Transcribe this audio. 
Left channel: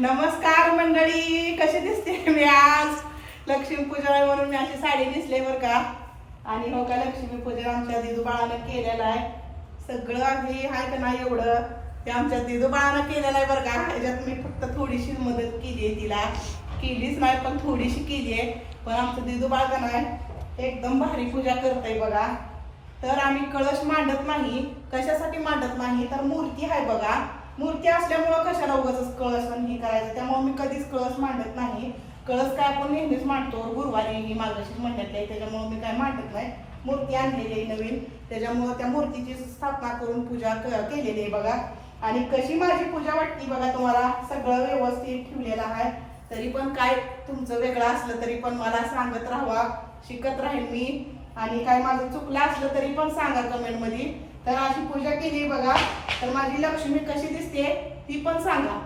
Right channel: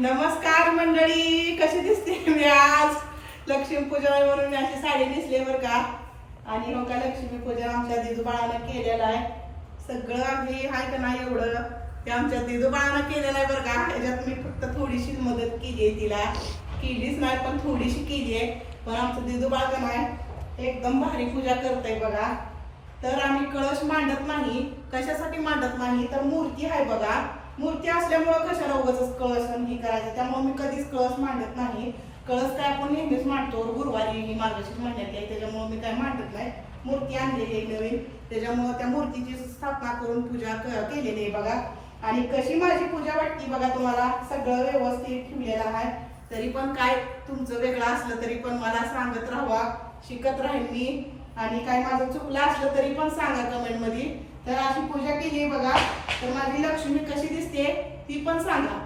नमस्कार मंडळी कशी दिसते मी आज? लक्ष्मी पूजा आहे म्हणून मी अशी साडी नेसले बरं का. आणि हो का लक्ष्मी पूजा आमच्या दिदूबाळानं केलेलं आहे. सगळं आम्ही हाय का नाही एवढं? ते आमच्या दिदूबाळानं केलेलं आहे बरं का. त्याच्यात मी फक्त थोडीशी मदत केली आहे तिला. केलीच नाही पण थोडीशी केली आहे. पण आमचं दिदूबाळ का नाही एकदम भारी पूजा करतंय बघा. तर आम्ही कळश मांडत नाही. कशासाठी मांडत नाही? तर मूर्ती आहे बघा. मूर्ती असल्यामुळं कशाला उगाच कळस आणि त्यामुळे मी कधीच कळस मांडत नाही. कळस काय आपण नेहमीच मांडतो. गुरुवारी ही मार्गशीर महिन्यात आहे त्याच्यामुळे मी काय मांडत नाही. मूर्ती आणलेली आहे नवीन. त्याच्यामुळं त्या मूर्तीची स्थापना करून पूजा केलेली आहे बघा. आणि कशी माझी पूजा वाटती बघा तुम्हाला. सगळं व्यवस्थित ठेवलेलं आहे. तरी पण काय तुमचं वेगळं असलं तरी पण मला सांगत राहावा. शिकत राहील मी. आणि काय माझं चुकलं असलं तरी पण सांगा कमेंटमध्ये तर अशी पूजा केली बघा. तर माझी लक्ष्मी कशी दिसते ती पण सांगा.